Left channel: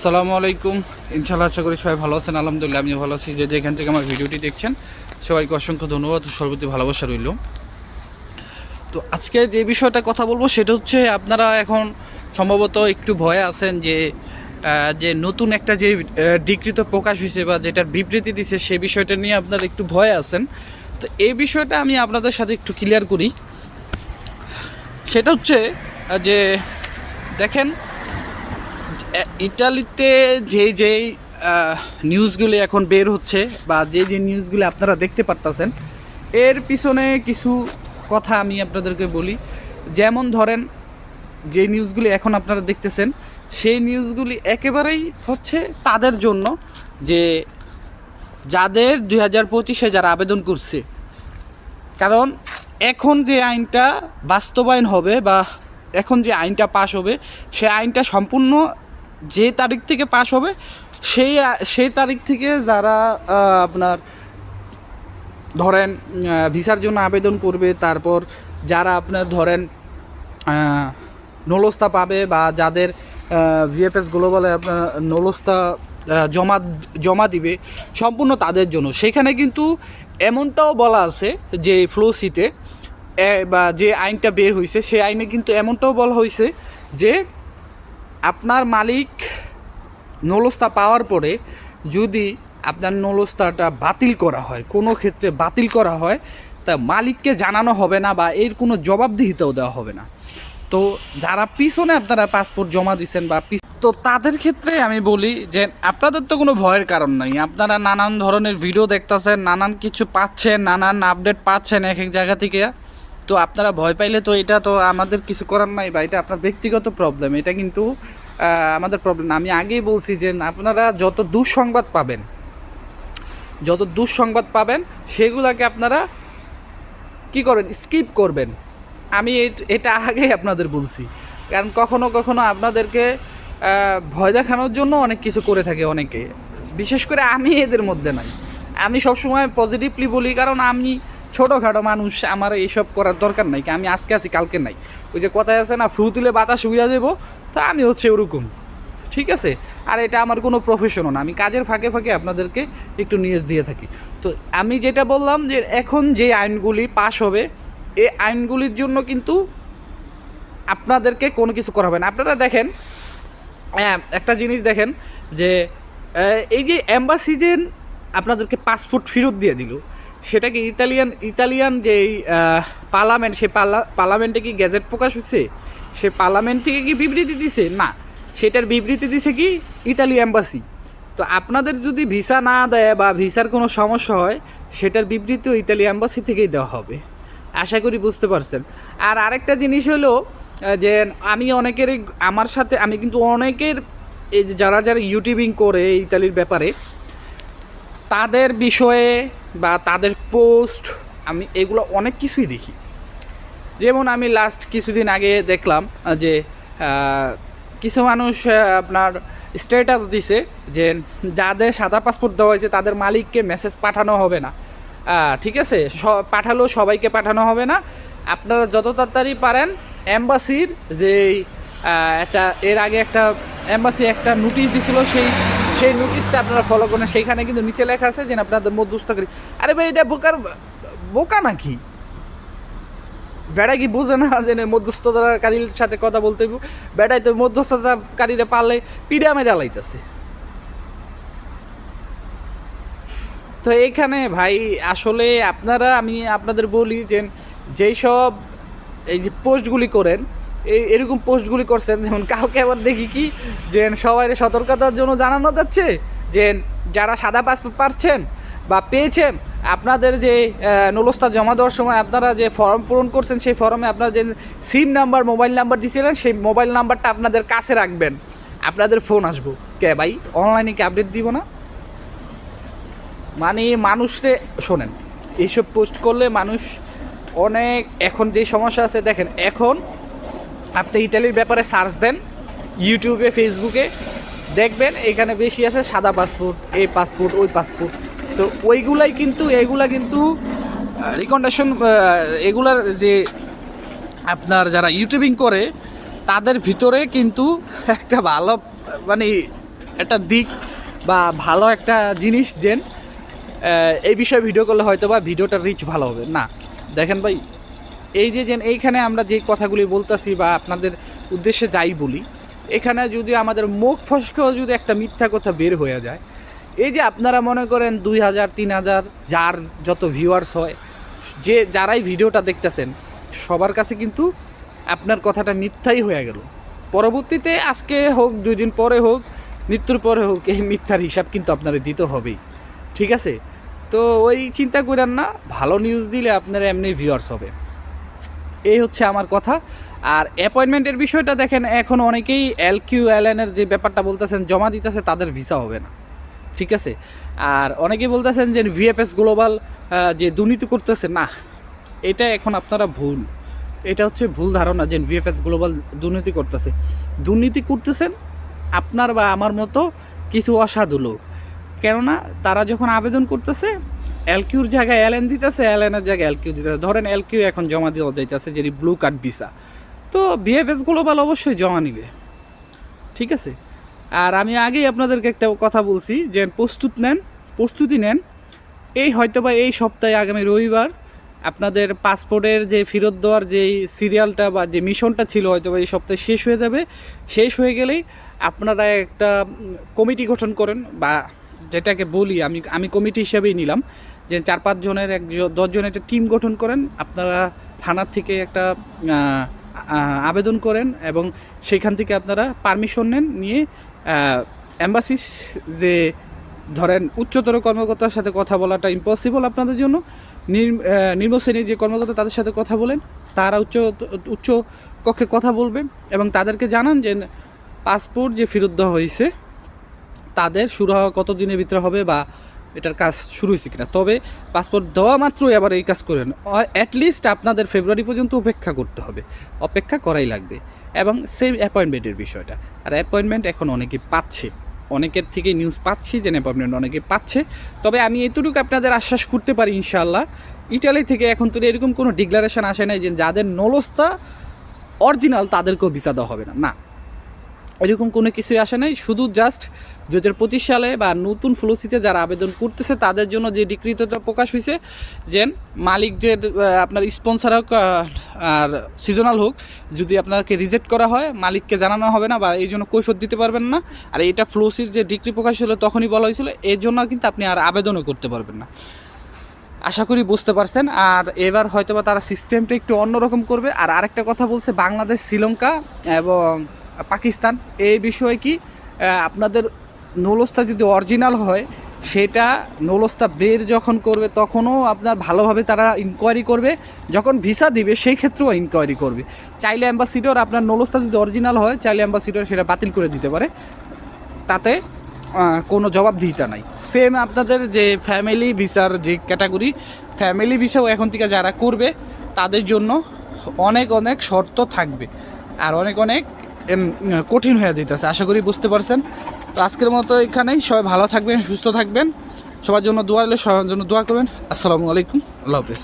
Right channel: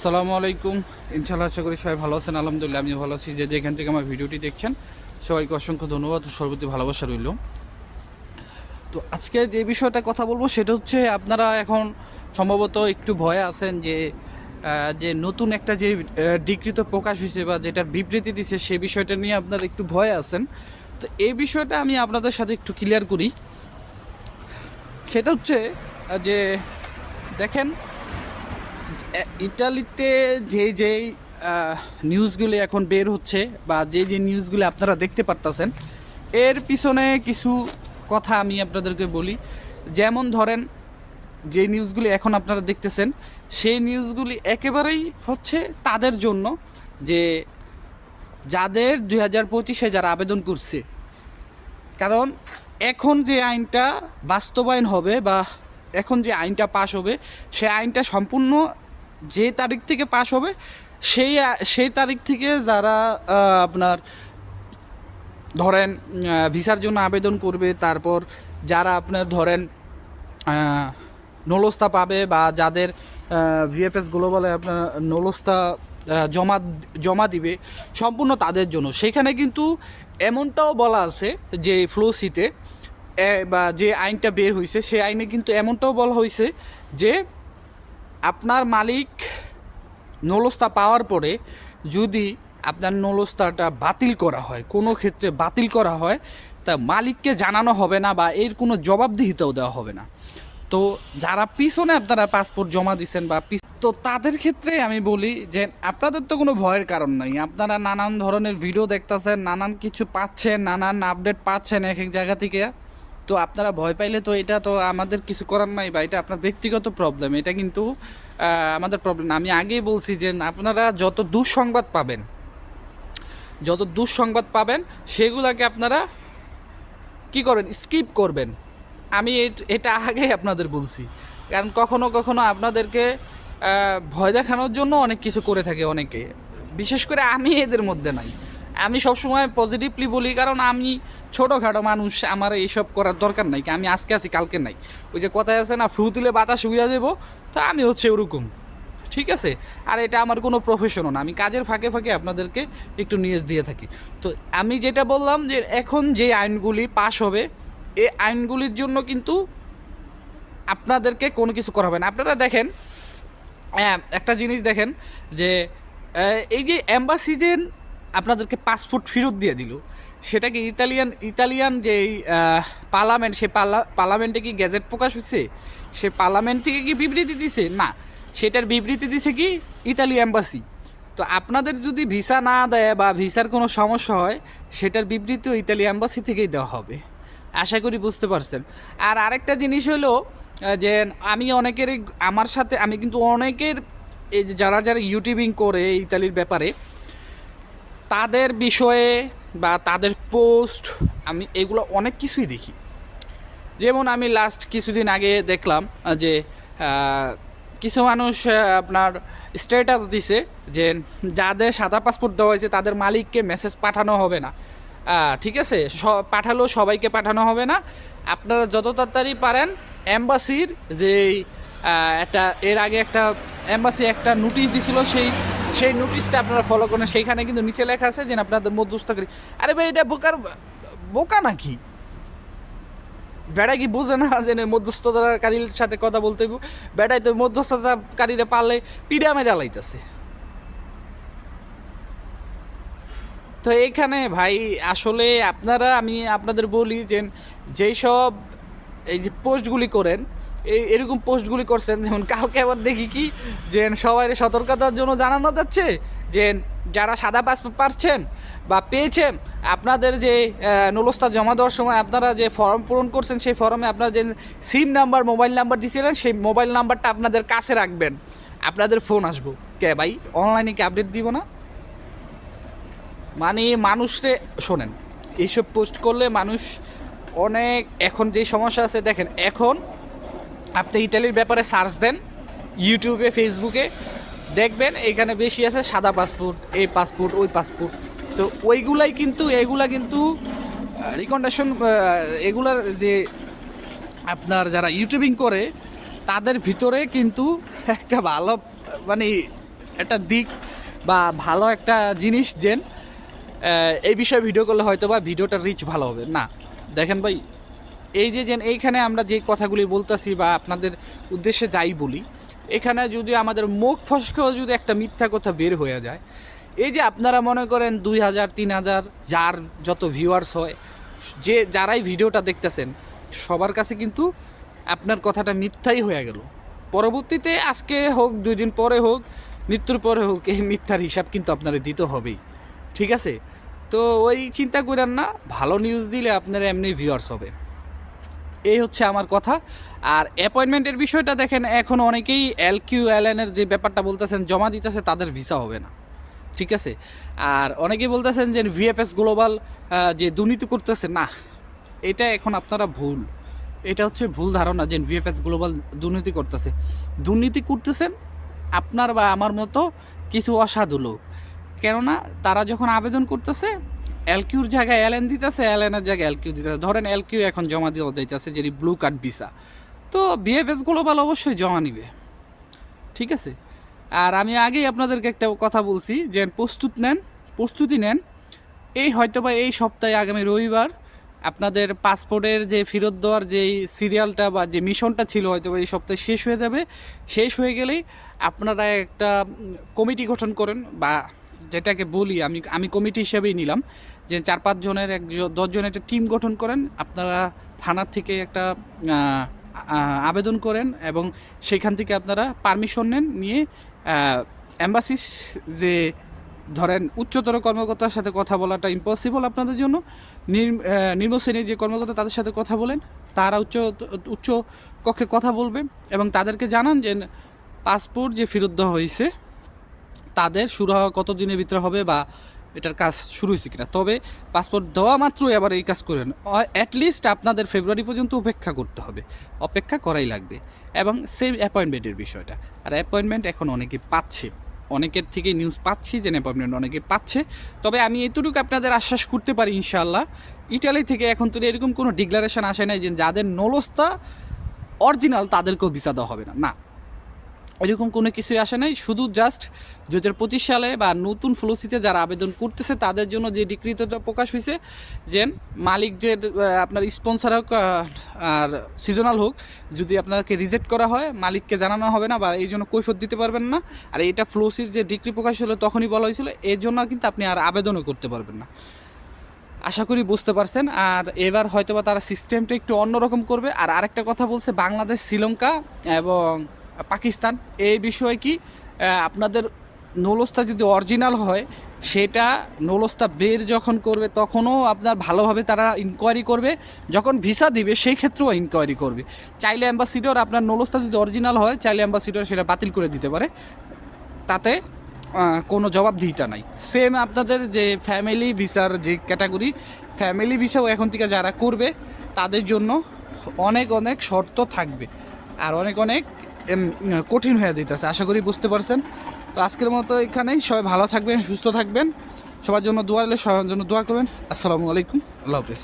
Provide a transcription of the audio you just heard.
আসসালামু আলাইকুম। ইনশাআল্লাহ আশা করি সবাই ভালো আছেন। আলহামদুলিল্লাহ আমিও ভালো আছি। যে যেখান থেকে আমার ভিডিওটি দেখছেন সবাইকে অসংখ্য ধন্যবাদ ও সর্বতি ভালোবাসা রইল। তো আজকে যে বিষয়টা কথা বলবো সেটা হচ্ছে, আপনারা এখন সম্ভবত একটু ভয়ে আছেন যে যে নতুন একটা যে ডিক্রি তো প্রকাশ হয়েছে বা যেটার বিবৃতি দিছে সে বিষয়টা নিয়ে আপনারা একটু ভয়ে আছেন। তো এই বিষয়টা আমি আপনাদের সাথে একটু ক্লিয়ার করি। সেটা হচ্ছে যে দেখেন, ইটালিতে যেই নিউজগুলি এখন বের হচ্ছে বা যে নিউজগুলি আপনারা দেখতে পারতেছেন, এর পিছনে কিছু কথা আমি আপনাদেরকে বলি। যেমন ধরেন, যে নিউজগুলি এখন আপনারা দেখতেছেন সেই নিউজগুলি একেবারেই হচ্ছে তাদের জন্য যে যাদের 2025-এ যারা আবেদন করছে। কারণ এখন যে আইনটা বাস্তবায়ন হবে বা এখন যে আইনটা পাশ হবে, সে আইনটা সম্পূর্ণ যে তারিখ থেকে পাশ হবে সেই তারিখ থেকে যারা আপনার ধরেন ভিসার জন্য আবেদন করবে, তারপর যারা আপনার ধরেন নলস্তা পাবে বা যাদের ভিএফএস গ্লোবালে আপনার নলস্তা জমা দিবে, সম্পূর্ণ তাদের জন্য। সেখানে কিন্তু এমনটাও বলা আছে যে ফ্লোসিতে বা যে আইনটা বের হয়েছে সেই আইনে কিন্তু এমনটাও বলা হয়েছে যে আপনার মালিক নলস্তা পাওয়ার পরে যদি আপনার নলস্তাটা বাতিল করা হয়, কোনো ক্ষেত্রে বাতিল করা হয়, তা মালিককে জানানো হবে না বা এর কোনো জবাবদিহিতাও দেওয়া হবে না। তো যারা পিছনে আপনারা পাসপোর্ট জমা দিচ্ছেন বা তো তাদের ক্ষেত্রে আমি বলি যে আপনাদের তো কোনো ভয়ের কারণ নাই। আপনারা নানান ধরনের ভিডিও দেখতেছেন, নানান কিছু পাচ্ছেন, নানান আপডেট পাচ্ছেন এক এক জায়গা থেকে। তো আপনারা ভয় পাইলে তো এটা তো আমাদের কিছু করার নাই বা এটা আপনার ব্যক্তিগত প্রবলেম, এটা কিন্তু আমাদের প্রবলেম না। আমি আগেই বলছি যে আপনারা যত দুঃসংবাদ পাবেন সেগুলাকে আপনারা কি করেন, স্কিপ করবেন। আমি এটা আগেই আপনাদের বলছি। কারণ কখনো কখনো আপনাদেরকে ভয় দেখানোর জন্য অনেক কিছু করে থাকে অনেকে, বিশেষ করে আমি এদের মধ্যে নাই। আমি সবসময় পজিটিভলি বলি, কারণ আমি ছোটোখাটো মানুষ, আমার এইসব করার দরকার নাই। আমি আজকে আছি কালকে নাই। ওই যে কথায় আছে না, ফ্লু তুলে বাতাস উড়িয়ে দেবো, তো আমি হচ্ছে ওরকম, ঠিক আছে। আর এটা আমার কোনো প্রফেশনও না, আমি কাজের ফাঁকে ফাঁকে আপনাদেরকে একটু নিউজ দিয়ে থাকি। তো আমি যেটা বললাম যে এখন যে আইনগুলি পাশ হবে, এই আইনগুলির জন্য কিন্তু আপনাদেরকে কোনো কিছু করা হবে না। আপনারা দেখেন, একটা জিনিস দেখেন যে এই যে অ্যাম্বাসি যে আপনাদেরকে পাসপোর্ট ফেরত দিয়ে দিল, সেটা কি ইতালিয়ান যে পার্লামেন্ট, সেই পার্লামেন্টে কি গ্যাজেট প্রকাশ হয়েছে? সে পার্লামেন্ট থেকে কি বিবৃতি দিছে? না, সেটার বিবৃতি দিছে কি ইতালি অ্যাম্বাসি। তো আপনাদের যদি ভিসা না দেয় বা ভিসার কোনো সমস্যা হয়, সেটার বিবৃতিও ইতালি অ্যাম্বাসি থেকেই দেওয়া হবে। আশা করি বুঝতে পারছেন। আর আরেকটা জিনিস হলো যে আমি অনেকেরই, আমার সাথে আমি কিন্তু অনেকের এই যে যারা ইউটিউবিং করে ইতালির ব্যাপারে, তাদের বিষয়ে বা তাদের পোস্ট আমি এগুলো অনেক কিছুই দেখি। যেমন আমি লাস্ট কিছুদিন আগে দেখলাম যে কিছু মানুষ আপনার স্ট্যাটাস দিছে যে যাদের সাদা পাসপোর্ট দেওয়া হয়েছে তাদের মালিককে মেসেজ পাঠানো হবে না। ঠিক আছে, পাঠালেও সবাইকে পাঠানো হবে না। আপনারা যত তাড়াতাড়ি পারেন অ্যাম্বাসির যে একটা এর আগে একটা অ্যাম্বাসি একটা নোটিশ দিছিল, সেই নোটিশটা আপনারা ফলো করেন। সেইখানে কিন্তু নিচে লেখা আছে যে আপনাদের মধ্যস্থকারী। আরে ভাই, এটা বোকা নাকি? বেড়া কি বোঝে না যে মধ্যস্থতাকারীর সাথে কথা বলতে? বেড়াই তো মধ্যস্থতাকারীরা পারলে পিড়া মেরে লাইতেছে। তো এইখানে ভাই আসলে আমি আপনাদের বলি যে যেই সব এই যে পোস্টগুলি করেন, এরকম পোস্টগুলি করছেন, যেমন কালকে আবার দেখি কি যে সবাই সতর্কতার জন্য জানানো যাচ্ছে যে যারা সাদা পাসপোর্ট পাচ্ছেন বা পেয়েছেন, আপনাদের যে নলস্তা জমা দেওয়ার সময় আপনারা যে ফর্ম পূরণ করছেন, সেই ফর্মে আপনারা যে সিম নাম্বার, মোবাইল নাম্বার দিয়েছিলেন, সেই মোবাইল নাম্বারটা আপনাদের কাছে রাখবেন। আপনাদের ফোন আসবো কে ভাই? অনলাইনে কি আপডেট দিব না? মানে মানুষরে শোনেন, এইসব পোস্ট করলে মানুষ অনেক, এখন যে সমস্যা আছে দেখেন, এখন আপনি ইটালির ব্যাপারে সার্চ দেন ইউটিউবে, ফেসবুকে, দেখবেন এখানে বেশি আছে সাদা পাসপোর্ট, এই পাসপোর্ট, ওই পাসপোর্ট। তো এইগুলা কিন্তু রিকমেন্ডেশন, এগুলার যে আপনার যারা ইউটিউবিং করে তাদের ভিতরে কিন্তু একটা ভালো মানে একটা দিক বা ভালো একটা জিনিস যেন এই বিষয়ে ভিডিও করলে হয়তো বা ভিডিওটা রিচ ভালো হবে না। দেখেন ভাই, এই যে এইখানে আমরা যে কথাগুলি বলতেছি বা আপনাদের উদ্দেশ্যে যাই বলি, এখানে যদি আমাদের মুখ ফসকেও যদি একটা মিথ্যা কথা বের হয়ে যায়, এই যে আপনারা মনে করেন 2000 3000 যার যত ভিউয়ার্স হয়, যে যারাই ভিডিওটা দেখতেছেন সবার কাছে কিন্তু আপনার কথাটা মিথ্যাই হয়ে গেল। পরবর্তীতে আজকে হোক 2 দিন পরে হোক মৃত্যুর পরে হোক এই মিথ্যার হিসাব কিন্তু আপনারা দিতে হবেই, ঠিক আছে? তো ওই চিন্তা করেন না, ভালো নিউজ দিলে আপনারা এমনি ভিউয়ার্স হবে। এই হচ্ছে আমার কথা। আর অ্যাপয়েন্টমেন্টের বিষয়টা দেখেন, এখন অনেকেই LQLN-এর যে ব্যাপারটা বলতেছেন জমা দিতেছে, তাদের ভিসা হবে না, ঠিক আছে? আর অনেকেই বলতেছেন যে VFS গ্লোবাল যে দুর্নীতি করতেছে, না, এটা এখন আপনারা ভুল, এটা হচ্ছে ভুল ধারণা যে VFS গ্লোবাল দুর্নীতি করতেছে। দুর্নীতি করতেছেন আপনার বা আমার মতো কিছু অসাধু লোক। কেননা তারা যখন আবেদন করতেছে LQর জায়গায় LN দিতেছে, LN-এর জায়গায় LQ দিতেছে। ধরেন LQ এখন জমা দেওয়া যাইতেছে যেটি ব্লু কার্ড ভিসা, তো VFS গ্লোবাল অবশ্যই জমা নিবে, ঠিক আছে? আর আমি আগেই আপনাদেরকে একটা কথা বলছি যে প্রস্তুতি নেন। এই হয়তো বা এই সপ্তাহে আগামী রবিবার আপনাদের পাসপোর্টের যে ফেরত দেওয়ার যে সিরিয়ালটা বা যে মিশনটা ছিল হয়তো বা এই সপ্তাহে শেষ হয়ে যাবে। শেষ হয়ে গেলেই আপনারা একটা কমিটি গঠন করেন, বা যেটাকে বলি আমি কমিটি হিসাবেই নিলাম যে 4-5 জনের 10 জনের একটা টিম গঠন করেন। আপনারা থানার থেকে একটা আবেদন করেন এবং সেখান থেকে আপনারা পারমিশন নেন, নিয়ে এম্বাসি যে ধরেন উচ্চতর কর্মকর্তার সাথে কথা বলাটা ইম্পসিবল আপনাদের জন্য, নিম্ন শ্রেণীর যে কর্মকর্তা তাদের সাথে কথা বলেন, তারা উচ্চ কক্ষে কথা বলবেন এবং তাদেরকে জানান যে পাসপোর্ট যে ফেরত দেওয়া হয়েছে তাদের শুরু হওয়া কত দিনের ভিতরে হবে বা এটার কাজ শুরু হয়েছে কিনা। তবে পাসপোর্ট দেওয়া মাত্রই আবার এই কাজ করেন, অ্যাটলিস্ট আপনাদের ফেব্রুয়ারি পর্যন্ত অপেক্ষা করতে হবে, অপেক্ষা করাই লাগবে। এবং সেম অ্যাপয়েন্টমেন্টের বিষয়টা, আর অ্যাপয়েন্টমেন্ট এখন অনেকে পাচ্ছে, অনেকের থেকে নিউজ পাচ্ছি যে অ্যাপয়েন্টমেন্ট অনেকে পাচ্ছে। তবে আমি এতটুকু আপনাদের আশ্বাস করতে পারি ইনশাআল্লাহ, ইটালি থেকে এখন তো এরকম কোনো ডিক্লারেশন আসে নাই যে যাদের নলস্তা অরিজিনাল তাদেরকেও ভিসা দেওয়া হবে না, না, এরকম কোনো কিছুই আসে নাই। শুধু জাস্ট 2025 সালে বা নতুন ফ্লোসিতে যারা আবেদন করতেছে তাদের জন্য যে ডিক্রিতটা প্রকাশ হয়েছে যে মালিক যে আপনার স্পন্সর হোক আর সিজনাল হোক, যদি আপনাকে রিজেক্ট করা হয় মালিককে জানানো হবে না বা এই জন্য কৈফিয়ত দিতে পারবেন না। আর এটা ফ্লোসির যে ডিক্রি প্রকাশ হলো তখনই বলা হয়েছিল, এর জন্য কিন্তু আপনি আর আবেদনও করতে পারবেন না। আশা করি বুঝতে পারছেন। আর এবার হয়তো বা তারা সিস্টেমটা একটু অন্যরকম করবে। আর আরেকটা কথা বলছে, বাংলাদেশ, শ্রীলঙ্কা এবং পাকিস্তান, এই বিষয়ে কি আপনাদের নৌলস্তা যদি অরিজিনাল হয় সেটা নৌলস্তা বের যখন করবে তখনও আপনার ভালোভাবে তারা ইনকোয়ারি করবে, যখন ভিসা দিবে সেই ক্ষেত্রেও ইনকোয়ারি করবে। চাইলে অ্যাম্বাসিডর আপনার নৌলস্তা যদি অরিজিনাল হয় চাইলে অ্যাম্বাসিডর সেটা বাতিল করে দিতে পারে, তাতে কোনো জবাবদিহিতা নাই। সেম আপনাদের যে ফ্যামিলি ভিসার যে ক্যাটাগরি, ফ্যামিলি ভিসাও এখন থেকে যারা করবে তাদের জন্য অনেক অনেক শর্ত থাকবে আর অনেক অনেক কঠিন হয়ে যেতেছে। আশা করি বুঝতে পারছেন। তো আজকের মতো এখানেই, সবাই ভালো থাকবেন, সুস্থ থাকবেন, সবার জন্য দোয়া হলে সবার জন্য দোয়া করবেন। আসসালামু আলাইকুম, আল্লাহ হাফেজ।